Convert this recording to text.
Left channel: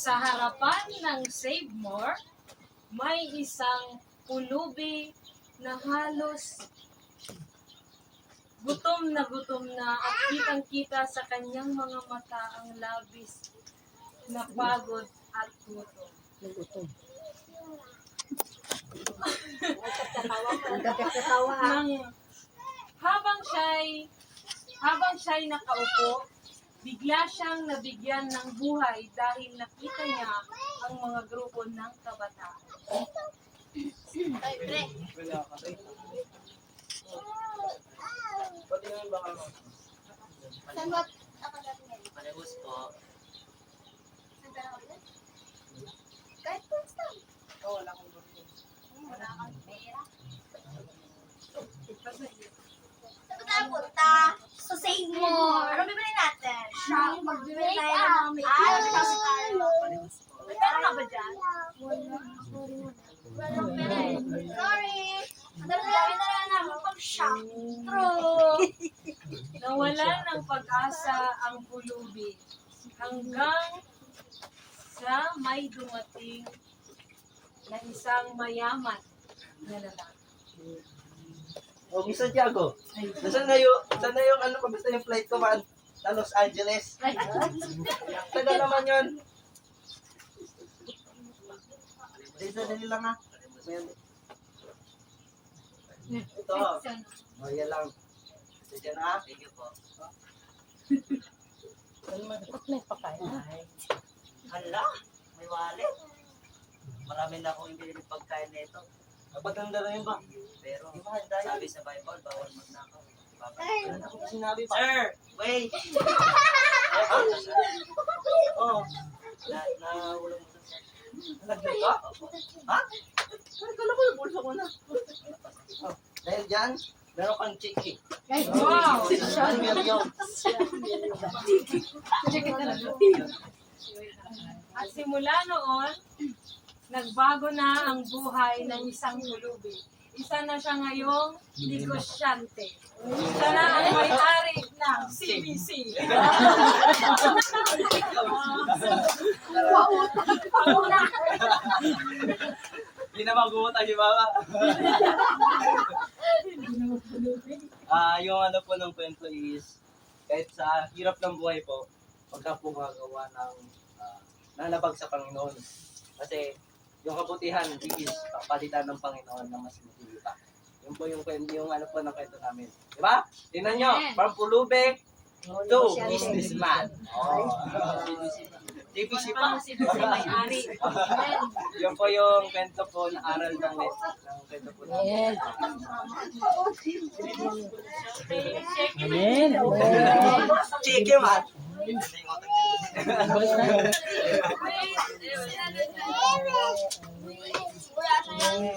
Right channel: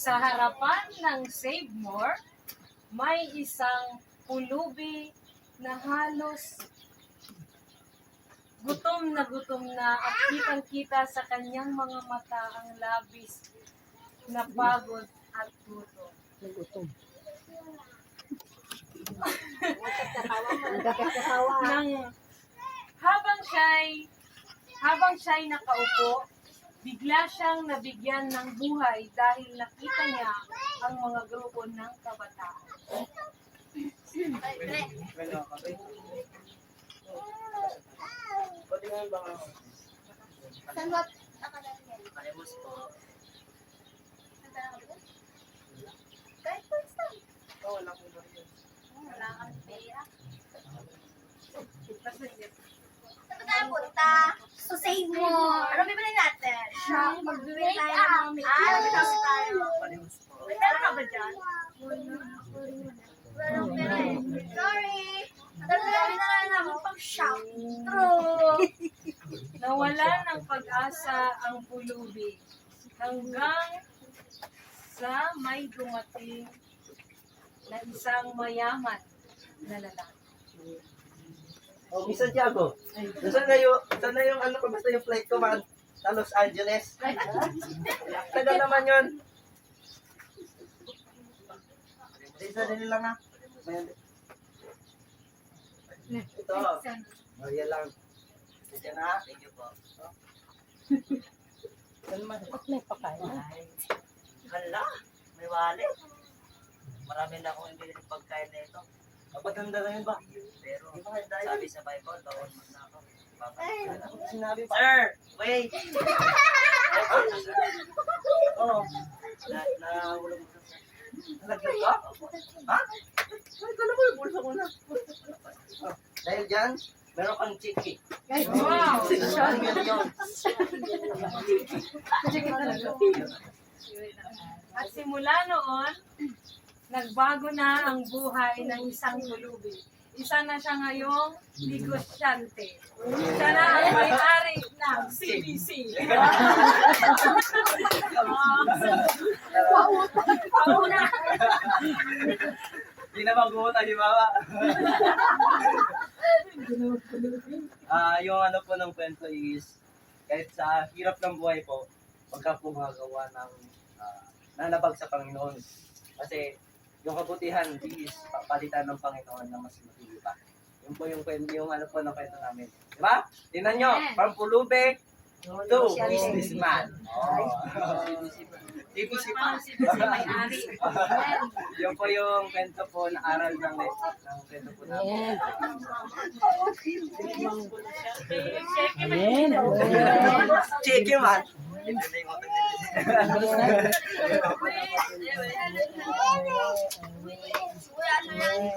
Sa harapan ng Save More, may isang pulubi na halos gutom na at kitang-kita sa kanyang mga mata ang labis na pagod at gutom. Nagutom. Nang habang siya'y nakaupo, bigla siyang nabigyan ng buhay dahil nakita niya ang mga grupo ng kabataan. Saan ba akadami yan? Palibos po. Saan ka nakabot? Kahit first time. Wala kong baril. Wala kang pera. Saan ka punta? So save more. Ano bibili natin? Shop. Magbibili tayo ng mga makeup. Tayo. Palibos po. May pera ka ba dyan? Wala. Walang pera eh. Sorry. Dami na lang namin pag-shop. True. Nawala ng pag-asa ang pulubi hanggang sa may dumating na isang mayaman na lalaki. Oh, Miss Santiago. Saan na yung ano pa basta yung flight ko man sa Los Angeles. Tagal naman yun. Dali lang ha. Ito. Oh, yan lang. Sige na ha. Thank you po. Ba't may pakain? Hala, may wallet. Marami na akong ibili ng pagkain na ito. Napaganda na yun ba? Pero Di ba handa yun? sabi sa Bible, bawal magnakaw. Ano ko sinabi pa? Sir, wait! Oo. Nahulog mo sa sir. Nalaglag ka? Ha? Ay, kala ko yung bulsa ko na. Oh, dahil dyan, meron kang chiki. Wow! 1 million. At simula noon, nagbago na ang buhay ng isang pulubi. Isa na siya ngayong negosyante. Siya na ang may-ari ng CBC. Pauna. Hindi na mag-uutang si Mama. Yung ano po ng kwento is, kahit sa hirap ng buhay po, pagka po magawa ng nalabag sa Panginoon. Kasi yung kabutihan is papalitan ng Panginoon na mas matindi pa. Yun po yung ano po ng kwento namin. Di ba? Tingnan nyo, from pulubi to businessman. Oh. CBC pa. CBC may-ari. Yun po yung kwento po na aral ng kwento po namin. Amen. Chiki man. Wala na yan.